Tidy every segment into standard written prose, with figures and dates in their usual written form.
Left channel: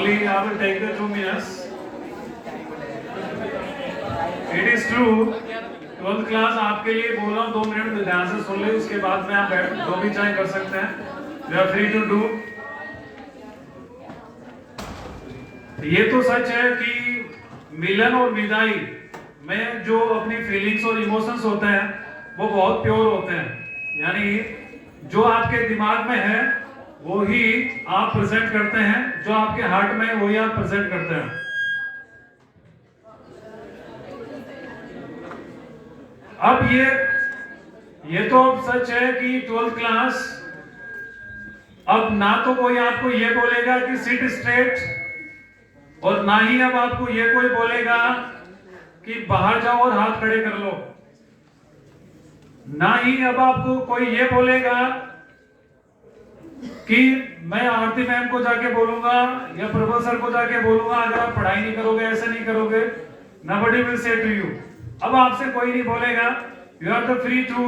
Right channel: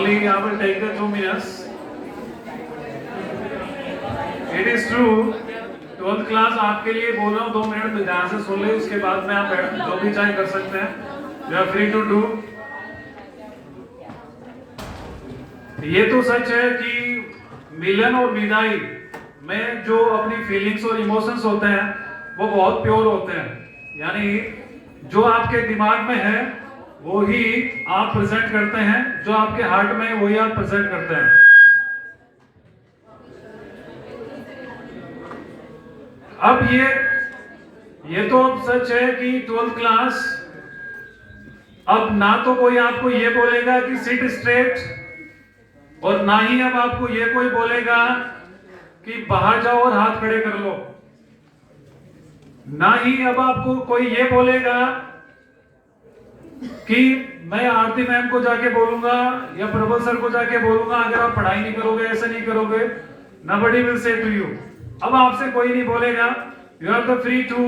only I will take the 2 minutes. It is true. 12th class आपके लिए बोल रहा हूँ 2 मिनट ध्यान से सुन ले, उसके बाद में आप जो भी चाहे कर सकते हैं. You are free to do. ये तो सच है कि मिलन और विदाई में जो अपनी फीलिंग्स और इमोशंस होते हैं वो बहुत प्योर होते हैं. यानी जो आपके दिमाग में है वो ही आप प्रेजेंट करते हैं, जो आपके हार्ट में है वही आप प्रेजेंट करते हैं. अब ये तो सच है कि 12th क्लास अब ना तो कोई आपको ये बोलेगा कि सिट स्ट्रेट, और ना ही अब आपको ये कोई बोलेगा कि बाहर जाओ और हाथ खड़े कर लो. ना ही अब आपको कोई ये बोलेगा कि मैं आरती मैम को जाके बोलूंगा या प्रबल सर को जाके बोलूंगा अगर आप पढ़ाई नहीं करोगे, ऐसा नहीं करोगे. Nobody will say to you. अब आपसे कोई नहीं बोलेगा. You are the free to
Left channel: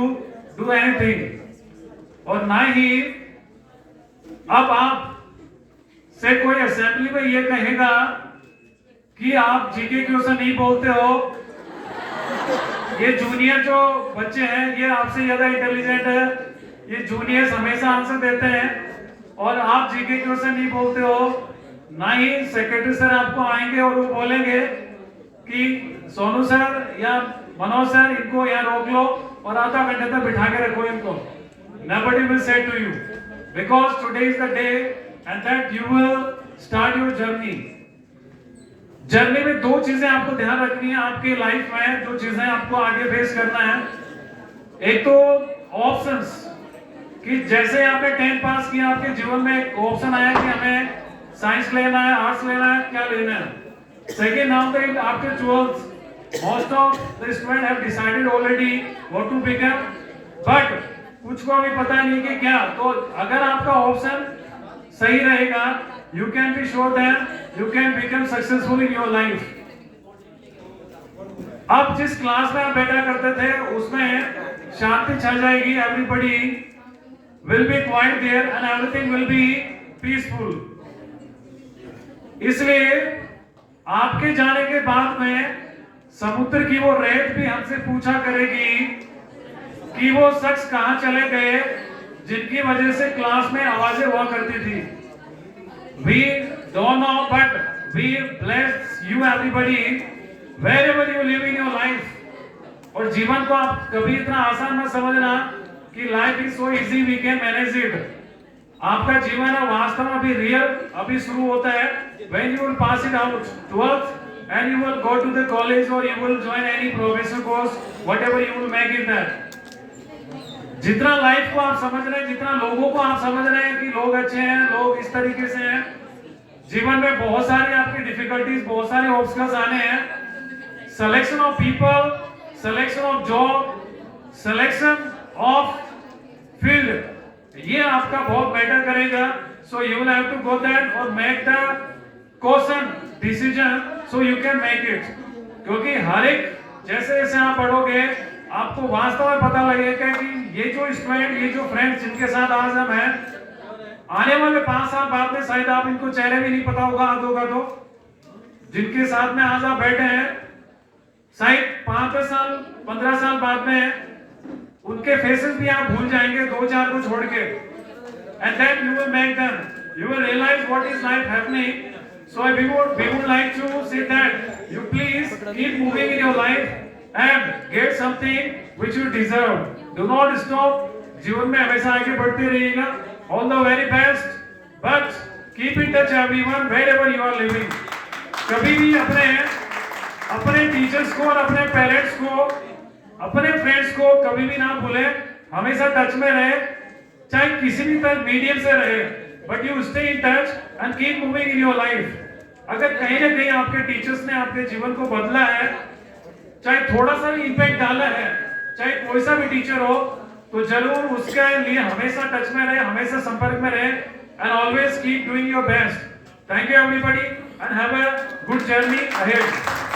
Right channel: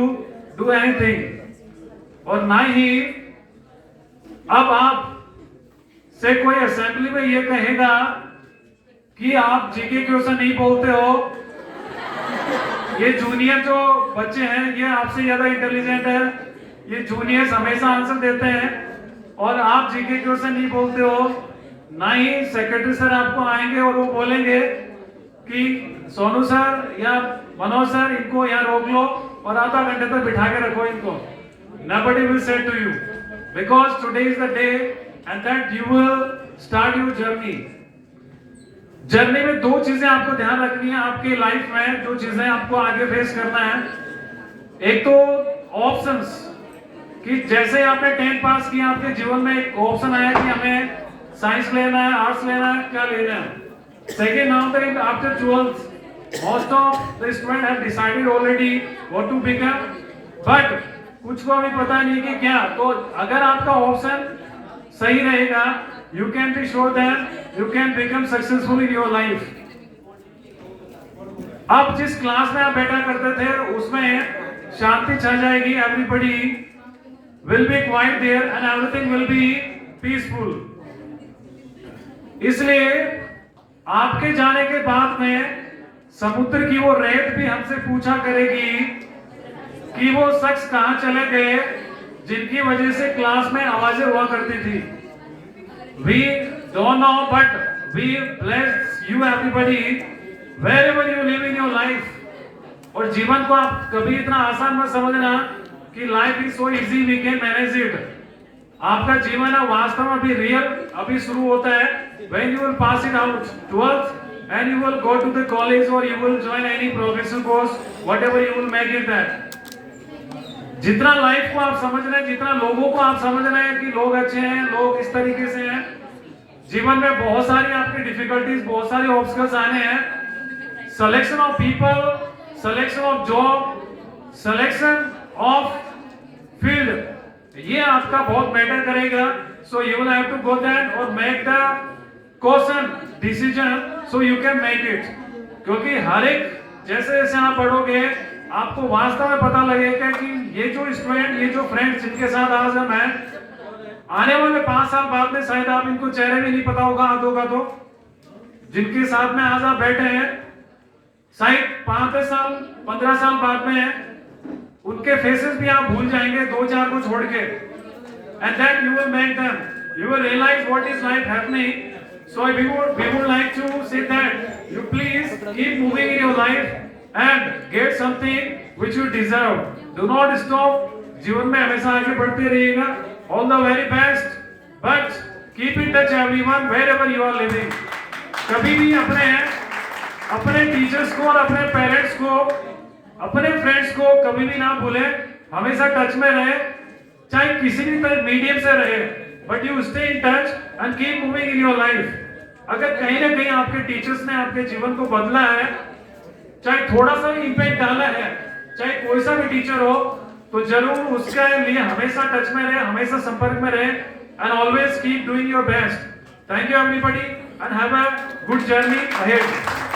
do anything. और ना ही अब आप से कोई असेंबली में ये कहेगा कि आप जीके क्वेश्चन नहीं बोलते हो, ये जूनियर जो बच्चे हैं ये आपसे ज्यादा इंटेलिजेंट है, ये जूनियर्स हमेशा आंसर देते हैं और आप जीके क्वेश्चन नहीं बोलते हो. ना ही सेक्रेटरी सर आपको आएंगे और वो बोलेंगे कि सोनू सर या मनोज सर इनको यहाँ रोक लो और आधा घंटे तक बिठा के रखो इनको. Nobody will say to you because today is the day and that you will start your journey. Journey में दो चीजें आपको ध्यान रखनी है आपके लाइफ में, जो चीजें आपको आगे फेस करना है. एक तो ऑप्शंस, कि जैसे आपने 10th पास किया आपके जीवन में एक ऑप्शन आया कि हमें साइंस लेना है, आर्ट्स लेना है, क्या लेना है. Second, now that after 12th, most of the students have decided already what to become, but कुछ को अभी पता नहीं कि क्या. तो अगर आपका ऑप्शन सही रहेगा, you can be sure that you can become successful in your life. अब जिस क्लास में आप बैठा करते थे उसमें शांति छा जाएगी. Everybody will be quiet there and everything will be peaceful. इसलिए आपके जाने के बाद में समुद्र की वो रेत भी हमसे पूछा करेगी कि वो शख्स कहां चले गए जिनकी वजह से क्लास में आवाजें हुआ करती थी. We don't know, but we bless you everybody wherever you live in your life. और जीवन को आप कभी इतना आसान मत समझना कि life is so easy we can manage it. आपका जीवन है वास्तव में अभी रियल अभी शुरू होता है. When you will pass it out 12th and you will go to the college or you will join any professional course, whatever you will make it that. जितना लाइफ को आप समझ रहे हैं, जितना लोगों को आप समझ रहे हैं कि लोग अच्छे हैं, लोग इस तरीके से हैं, जीवन में बहुत सारी आपकी डिफिकल्टीज, बहुत सारे ऑब्स्टकल्स आने हैं. Selection of people, selection of job, selection of field, ये आपका बहुत मैटर करेगा. So you will have to go there और make the question decision so you can make it. क्योंकि हर एक जैसे जैसे आप बढ़ोगे आपको वास्तव में पता लगेगा कि ये जो स्टूडेंट, ये जो फ्रेंड्स जिनके साथ आज हम हैं, आने वाले 5 साल बाद में शायद आप इनको चेहरे भी नहीं पता होगा आधों का. तो जिनके साथ में आज आप बैठे हैं शायद 5-10 साल 15 साल बाद में उनके फेसेस भी आप भूल जाएंगे 2-4 को छोड़ के. And then you will make them, you will realize what is life happening. So we would like to say that you please keep moving in your life and get something which you deserve. Do not stop. जीवन में हमेशा आगे बढ़ते रहिएगा. All the very best. But keep in touch everyone wherever you are living. कभी भी अपने teachers को और अपने पेरेंट्स को, अपने फ्रेंड्स को कभी भी ना भूलें. हमेशा टच में रहे, चाहे किसी भी मीडियम से रहे, but you stay in touch and keep moving in your life. अगर कहीं ना कहीं आपके टीचर्स ने आपके जीवन को बदला है, चाहे थोड़ा सा भी इंपैक्ट डाला है, चाहे कोई सा भी टीचर हो, तो जरूर उसके लिए हमेशा टच में रहे, हमेशा संपर्क में रहे and always keep doing your best. Thank you everybody and have a good journey ahead.